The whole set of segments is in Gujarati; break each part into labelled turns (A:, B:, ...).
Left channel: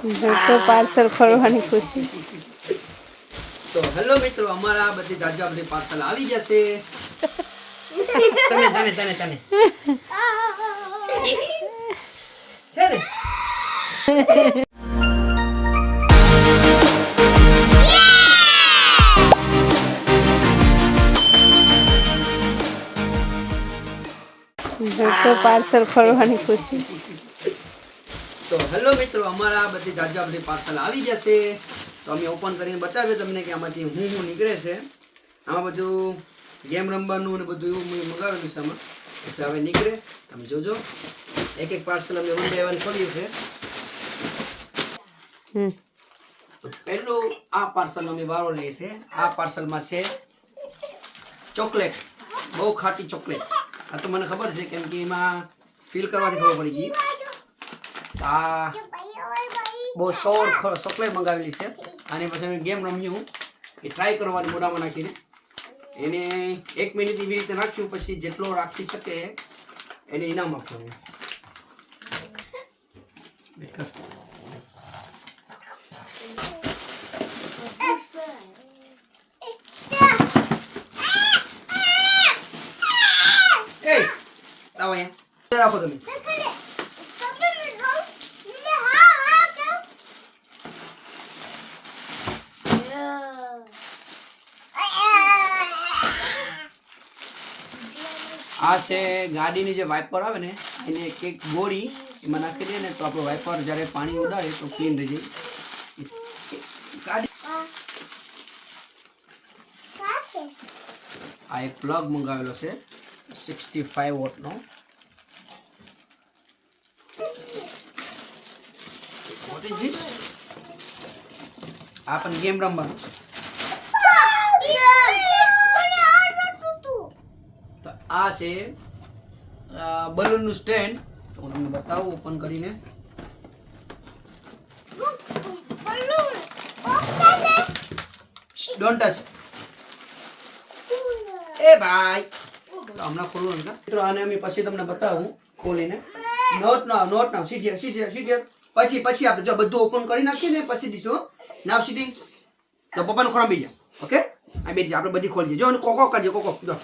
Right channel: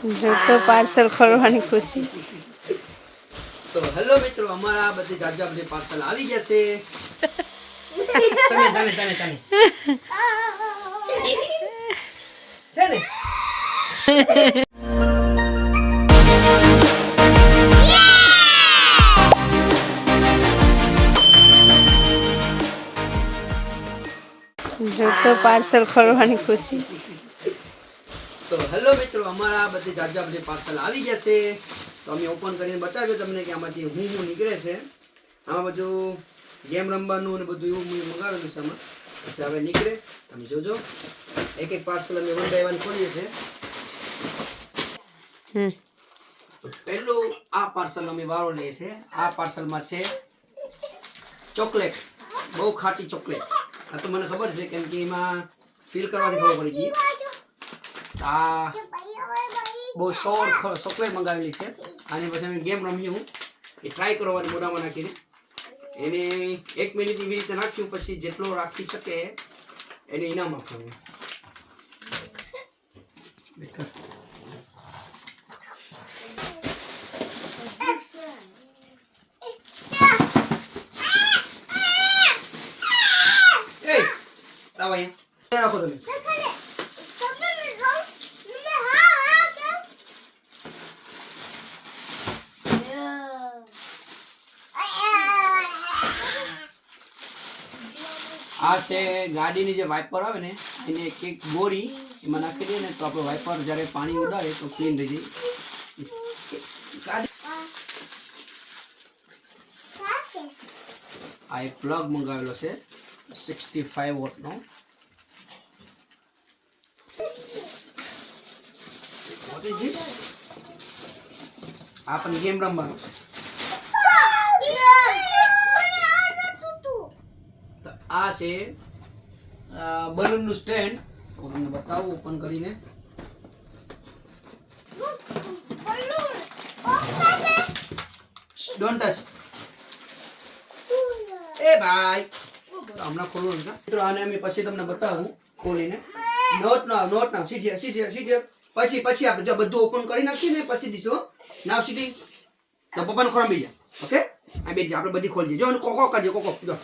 A: તો પાર્સલ ખોલવાની ખુશી.
B: તો હેલો મિત્રો અમારા બધી જાજા બધી પાર્સલ આવી ગયા છે તમે તમે તમે તમે. છે ને?
A: તો પાર્સલ ખોલવાની ખુશી.
B: તો હેલો મિત્રો અમારા બધી જાજા બધી પાર્સલ આવી ગયા છે તો અમે ઓપન કરીને બતાવ્યું તમને કે આમાંથી હું હું નીકળે છે. આમાં બધું ગેમ રમવાનું અને બધું એવું મેં મંગાવેલું છે આમાં. પછી હવે નીકળે. તમે જોજો. એક એક પાર્સલ અમે વન બાય વન ખોલીએ છીએ. પહેલું આ પાર્સલ અમે વારો લઈએ છીએ. આ પાર્સલમાં છે ચોકલેટ. બહુ ખાટી ચોકલેટ. આ તો મને ખબર છે કેમ કે એમાં ફીલ કરવાથી ખબર પડી ગઈ. આ બહુ શોર ચોકલેટ મંગાવેલી છે અને પછી અમે ગેમ રમ્યું એ ટ્રાય કરવાની મોઢામાં નાખીને એને એક મિનિટ એવી રીતે નાખ્યું પછી જેટલો રાખી શકે એને ઇનામ આપવાનું રાખો તમે આ છે ગાડીની જે વાઇપર આવે ને, એને એક એક ગોળી એમાં નાખી દઈએ ને તો આપણો વાઇપર જ્યારે પાણી ઉડાડે તો ક્લીન થઈ જાય. આ એક પ્લગ મંગાવેલો છે સિક્સટી ફાઈવ વોટનો વોટ આ પણ ગેમ રમવાનું છે. આ છે બલૂનનું સ્ટેન્ડ. હું તમને બતાવું ઓપન કરીને. ડોન્ટ ટચ એ ભાઈ. તો હમણાં ખોલવું નથી મિત્રો આને અમે પછી તમને બતાવું ખોલીને. નોટ ના નોટ ના સીધી સીધી સીધી. પછી પછી આપણે જો બધું ઓપન કરી નાખીએ ને પછી દીશું નાવ સીધી તો પપ્પાને ખોરામ બી જા ઓકે આ બેટી આપણે બધી ખોલી જો અને કોકો કરજો કોકો. જો.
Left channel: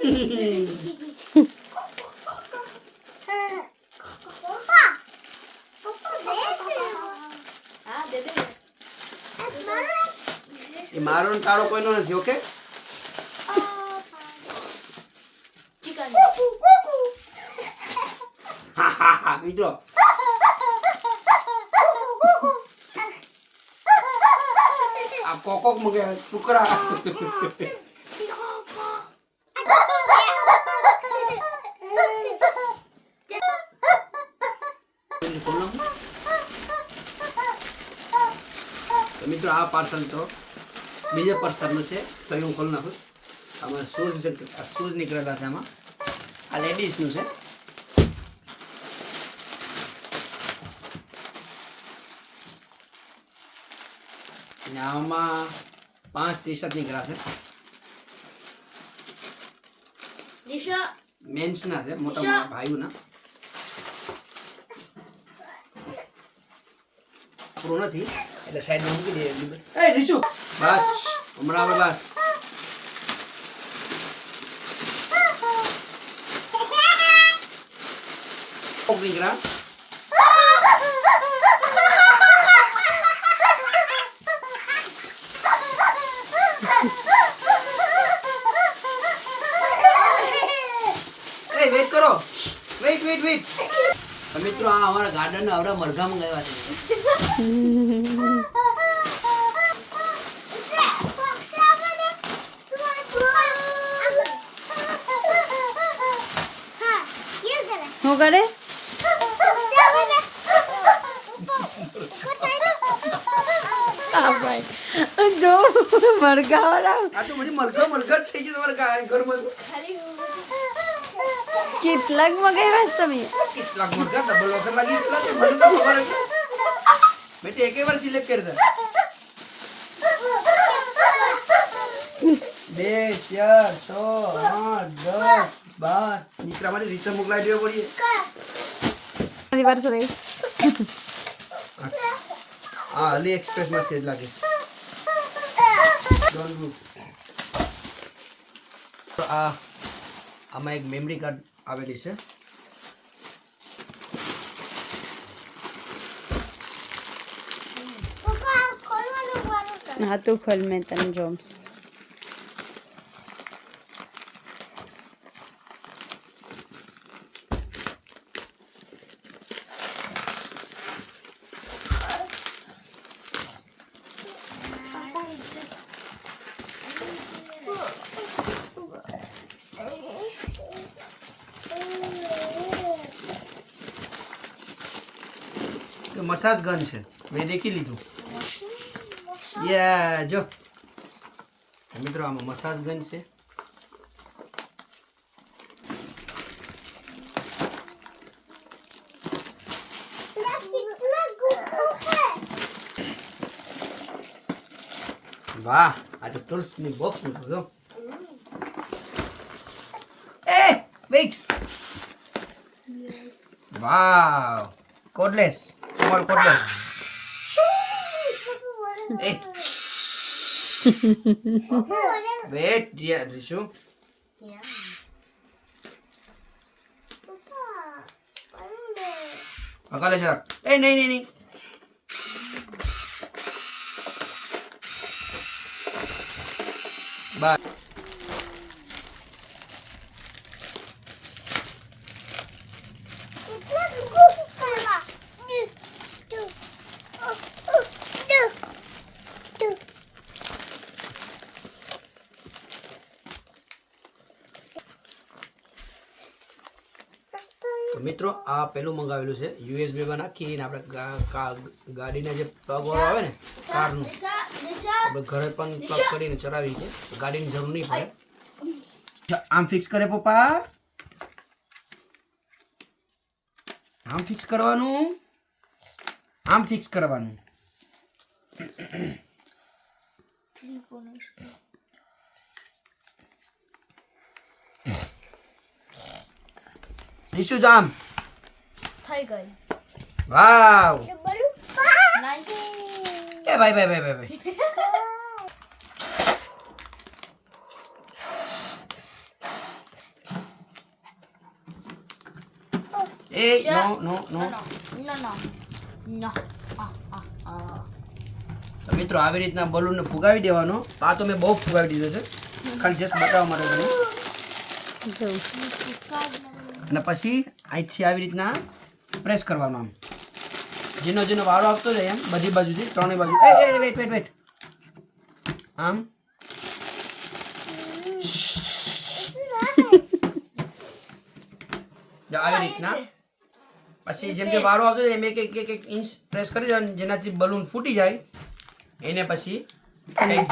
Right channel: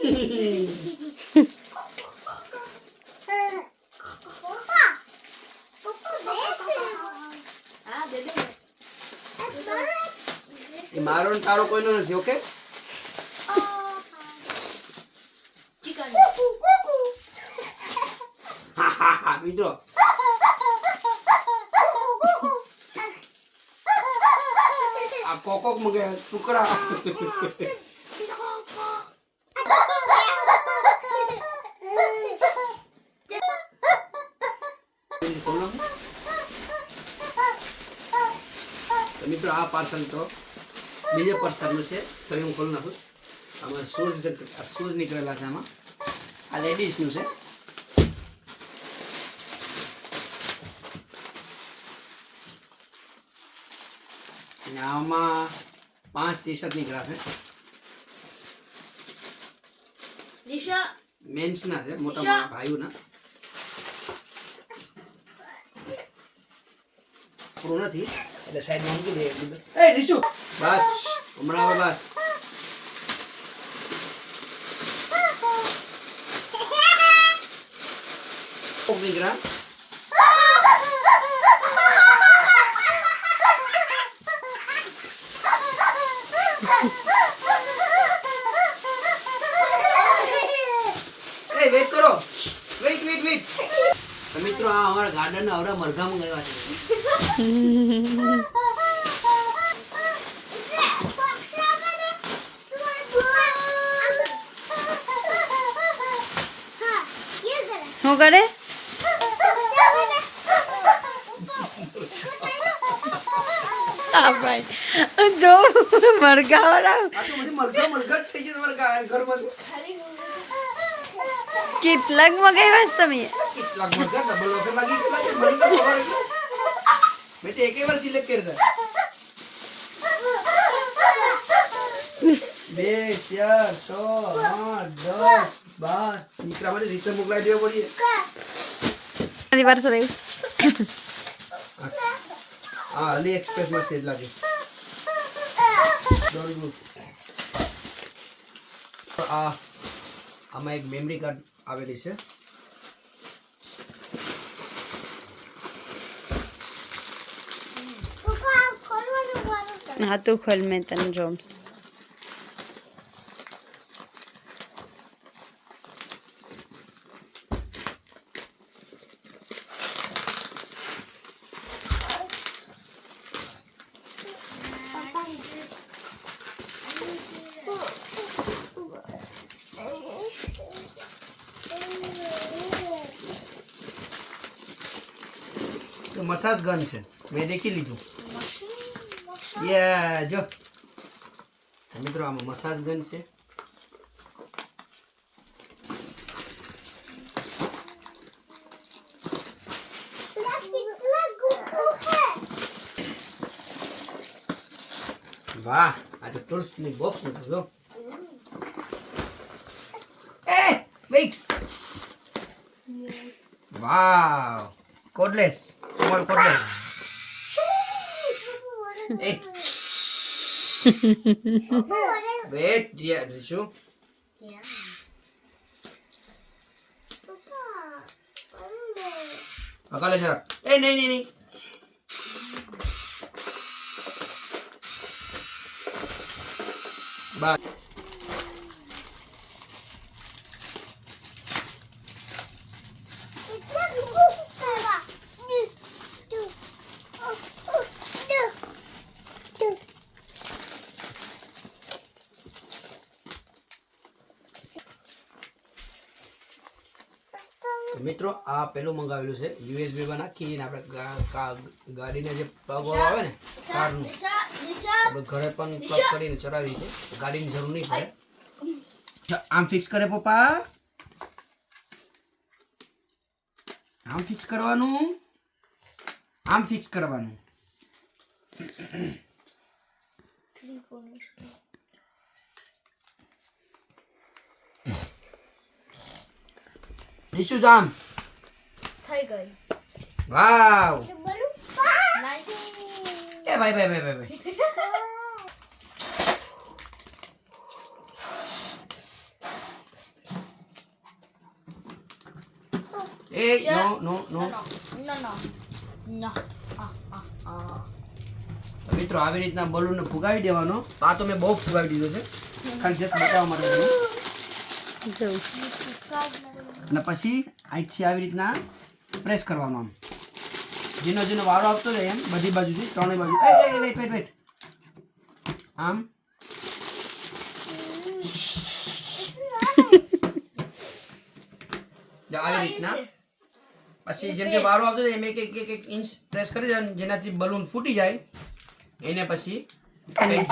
B: એ મારો ને તારો કોઈનો નથી ઓકે મિત્રો. આ કોકો મગે ટુકડા. મિત્રો આ પાર્સલ તો બીજા પાર્સલનું છે. તો હું ખોલી નાખું. આમાં શૂઝ શૂઝ નીકળેલા છે આમાં. આ લેડીઝનું છે. અને આમાં પાંચ ટી શર્ટ નીકળ્યા છે. મેન્સના છે મોટા મોટા ભાઈઓના. પૂરું નથી. એટલે સાઈડમાં મૂકી દે એ રીશુ બસ હમણાં હવે બસ કોક નીકળ્યા એ વેઇટ કરો વેઇટ વેઇટ વેઇટ મિત્રો આ અમારા ગાર્ડનના આવડા મરઘા મંગાવ્યા છે.
A: શું કરે? જો
B: મરઘા વાળા
A: કેટલાક મગાવ્યા તમે?
B: કેટલાક મરઘા ડબલ વખત લાગી કેટલા છે મને તો ખબર જ મેં તો એકે વાર સિલેક્ટ કરતા બે ચાર છ આઠ દસ બાર. દીકરા માટે રીચર મોકલાવી દેવો પડીએ.
A: પાર્સલ આવ્યું
B: હા અલી એક્સપ્રેસમાં જ લાગે. તો આ આમાં એક મેમરી કાર્ડ આવેલી છે.
A: હા તું ખોલ મેં તને જોમ્સ.
B: મસાજ ગન છે. મેં દેખી લીધું. યા જો. મિત્રો આમાં મસાજ ગન છે. વાહ આ તો ટૂલ્સની બોક્સ નીકળ્યું જો. એ વેઇટ વાવ કોડલેસ તમારું કોડલેસ એ વેટ રીશુ અકાલે સર એ નહીં નહીં નહીં બસ તો મિત્રો આ પેલું મંગાવેલું છે યુએસબીમાં નાખીને આપણે ગાડીના જે પ્લગ આવે ને કારનું. આપણે ઘરે પણ પ્લગ કરીને ચલાવી છે ગાડીની જરૂર નહીં પડે. આમ ફિક્સ કરે પપ્પા. આમ ફિક્સ કરવાનું. આમ ફિક્સ કરવાનું. નીચું જામ
C: થઈ ગઈ
B: વાવ એ ભાઈ ભાઈ ભાઈ ભાઈ ભાઈ એ નો નો નો
C: નો નો નો આ આ આ
B: તો મિત્રો આવી રીતના બલૂનને ફુગાવી દેવાનો. આ તો મેં બહુ ફુગાવી દીધો છે. ખાલી જસ્ટ બતાવવા માટે અને પછી અહીંથી આવી રીતના પ્રેસ કરવાનો આમ. જેનો જેનો વારો આવતો જાય એમ બધી બાજુથી ત્રણેય બાજુ. એ વેટ વેટ વેટ આમ. આવી રીતના. પછી જેમ જે વારો આવતો જાય એમ એક એક એક એક ઇંચ પ્રેસ કરી દેવાનું જેનાથી બલૂન ફૂટી જાય એને પછી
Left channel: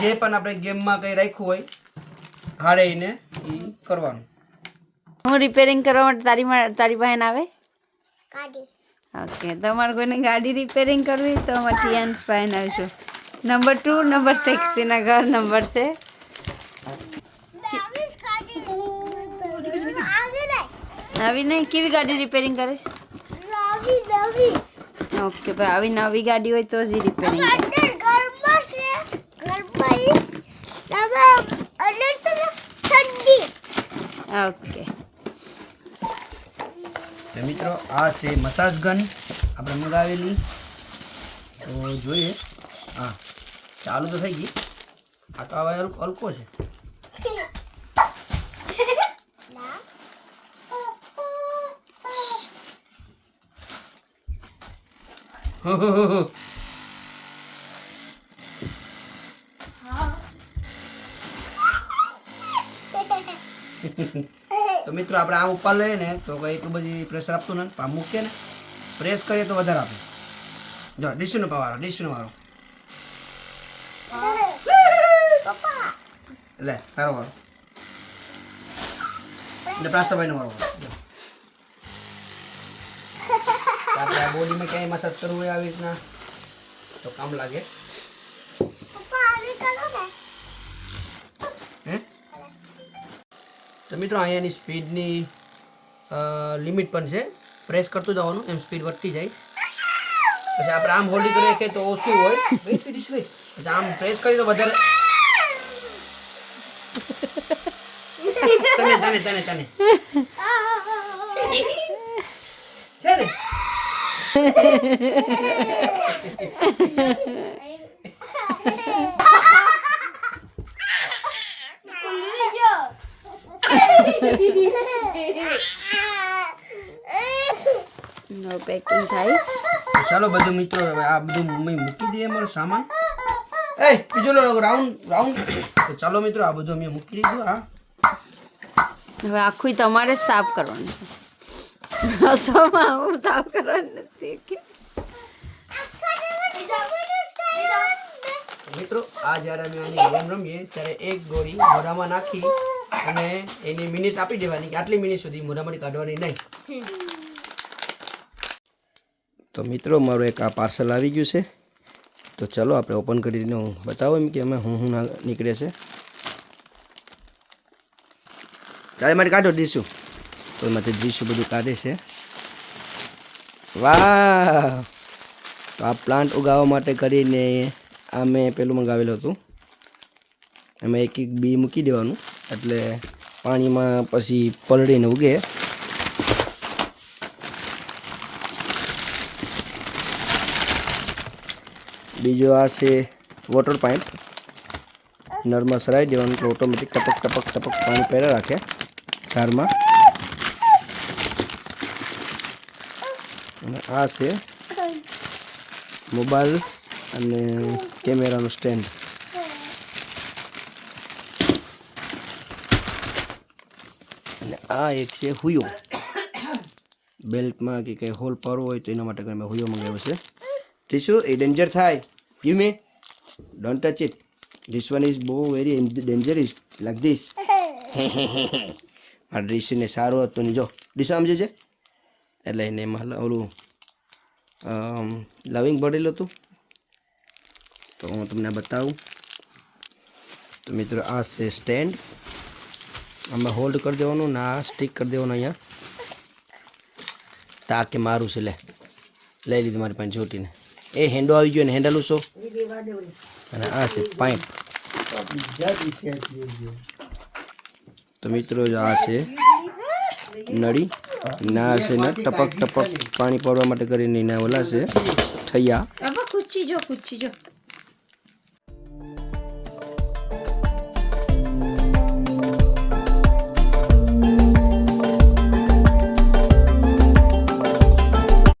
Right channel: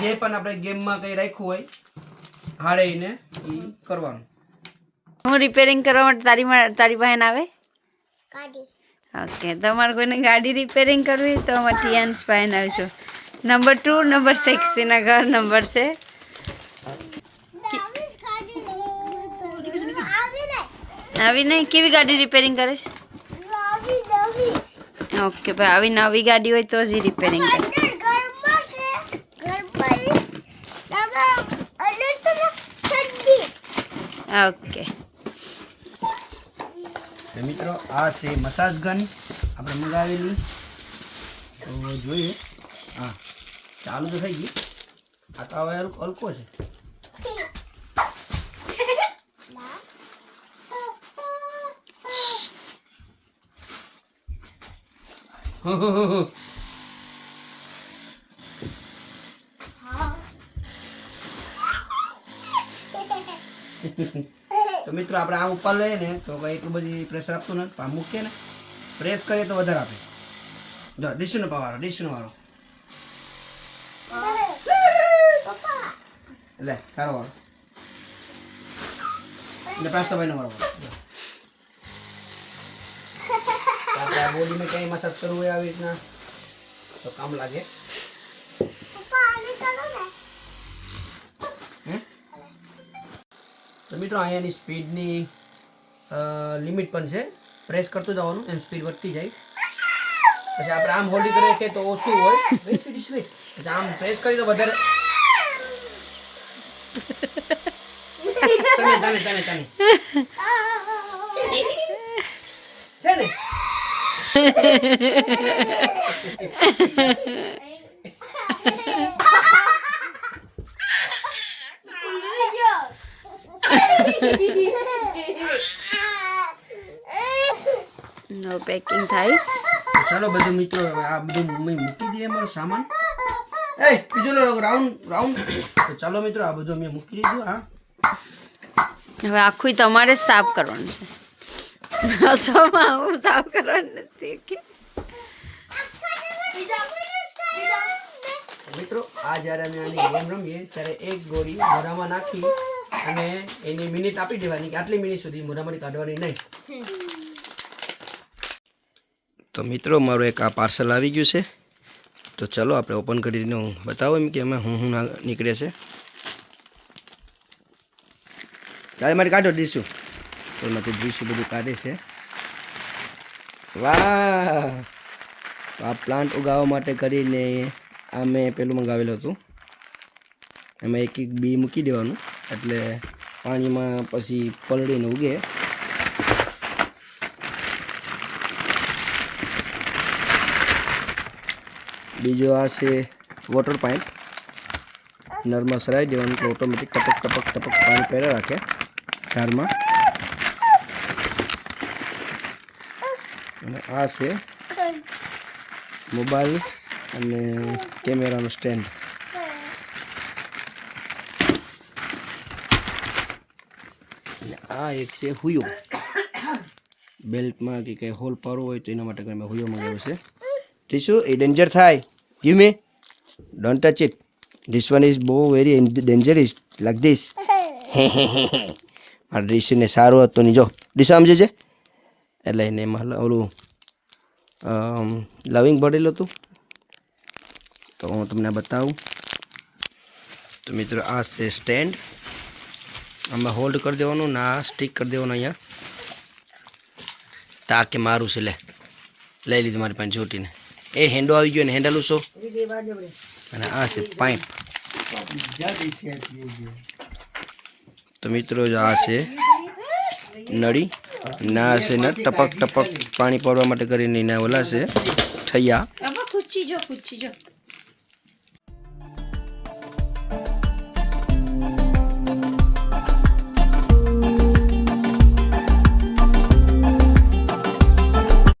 B: જે પણ આપણે ગેમમાં કંઈ રાખ્યું હોય હાડે એને એ કરવાનું.
A: હું રિપેરિંગ કરવા માટે તારી તારી બહેન આવે?
C: કાઢી
A: ઓકે તમારે કોઈને ગાડી રિપેરિંગ કરવી તો અમારે ટીયાન્સ બહેન આવીશું નંબર ટુ નંબર સિક્સ એના ઘર નંબર છે. આવી નહીં કેવી ગાડી રિપેરિંગ કરીશ? ઓકે ભાઈ આવી નવી ગાડી હોય તો જ રિપેરિંગ કરે ઓકે
B: તો મિત્રો આ છે મસાજ ગન. આપણે મંગાવેલી. તો જોઈએ. હા. ચાલુ તો થઈ ગઈ. આ તો હવે હલકો છે છે. તો મિત્રો, આપણે આ ઉપર લઈએ ને, તો કંઈ એટલું બધી પ્રેશર આપતું નથી. પણ મૂકીએ ને. પ્રેસ કરીએ તો વધારે આપે. જો, ડીશુનો પાવારો ડીશુનો વારો એટલે તારો વારો એટલે પ્રાસ્તાભાઈનો વારો આપણે આ બોડીમાં ક્યાંય મસાજ કરવું હોય આવી રીતના? તો કામ લાગે. તો મિત્રો અહીંયાની સ્પીડની લિમિટ પણ છે. પ્રેસ કરતું જવાનું, એમ સ્પીડ વધતી જાય. પછી આપણે આમ હોલ્ડિંગ કરીએ કે તો ઓછું હોય. wait. આમ પ્રેસ કરી તો વધારે તને તને તને છે ને?
A: નો પેકિંગ થાય
B: ચાલો બધું મિત્રો હવે આ બધું મમ્મી મૂકી દઈએ મારો સામાન. એ બીજો લો રાઉન્ડ રાઉન્ડ તો ચાલો મિત્રો આ બધું અમે મૂકી દીધું હા.
A: હવે આખું તમારે જ સાફ કરવાનું છે. રસોમાં હું સાફ કરવાનું નથી કે
B: મિત્રો આ જ્યારે અમે આની ગેમ રમીએ ત્યારે એક ગોળી મોઢામાં નાખી. અને એની મિનિટ આપી દેવાની કે આટલી મિનિટ સુધી મોઢામાંથી કાઢવાની નહીં. તો મિત્રો, મારું એક આ પાર્સલ આવી ગયું છે. તો ચલો, આપણે ઓપન કરીને હું બતાવો એમ કે અમે હું હું નીકળે છે. તારે મારે કાઢો દઈશું તો એમાંથી ડીશું બધું કાઢે છે. વાહ! આ પ્લાન્ટ ઉગાવવા માટે કરીને આ મેં પેલું મંગાવેલું હતું. એમાં એક એક બી મૂકી દેવાનું. એટલે પાણીમાં પછી પલળીને ઉગે. બીજો આ છે વોટર પાઇપ નરમાં સરાઈ દેવાનું એટલે ઓટોમેટિક ટપક ટપક ટપક પાણી પહેરા રાખે ઝાડમાં અને આ છે મોબાઈલ અને કેમેરાનું સ્ટેન્ડ અને આ એક છે હુયો. બેલ્ટમાં કે કંઈ હોલ પાડવો હોય તો એના માટે મેં હુયો મંગાવ્યો છે. તે શું, એ ડેન્જર થાય. You may don't touch it this one is બહુ વેરી ડેન્જરસ લાઈક ધીસ મારા ડીસીને સારું હતું નહીં જો. ડીસા સમજે છે? એટલે એને એમાં ઓલું લવિંગ ભરેલું હતું તો. હું તમને બતાવું. તો મિત્રો, આ છે સ્ટેન્ડ આમાં હોલ્ડ કરી દેવાનું, ને આ સ્ટિક કરી દેવાનું અહીંયા. તા કે મારું છે, લે. લઈ લીધું મારી પાસે છોટીને એ હેન્ડો આવી ગયો ને હેન્ડલ ઉછો અને આ છે પાઇપ તો મિત્રો આ છે નળી. ના છે ને ટપક ટપક પાણી પડવા માટે કરીને એના ઓલા છે
A: જો.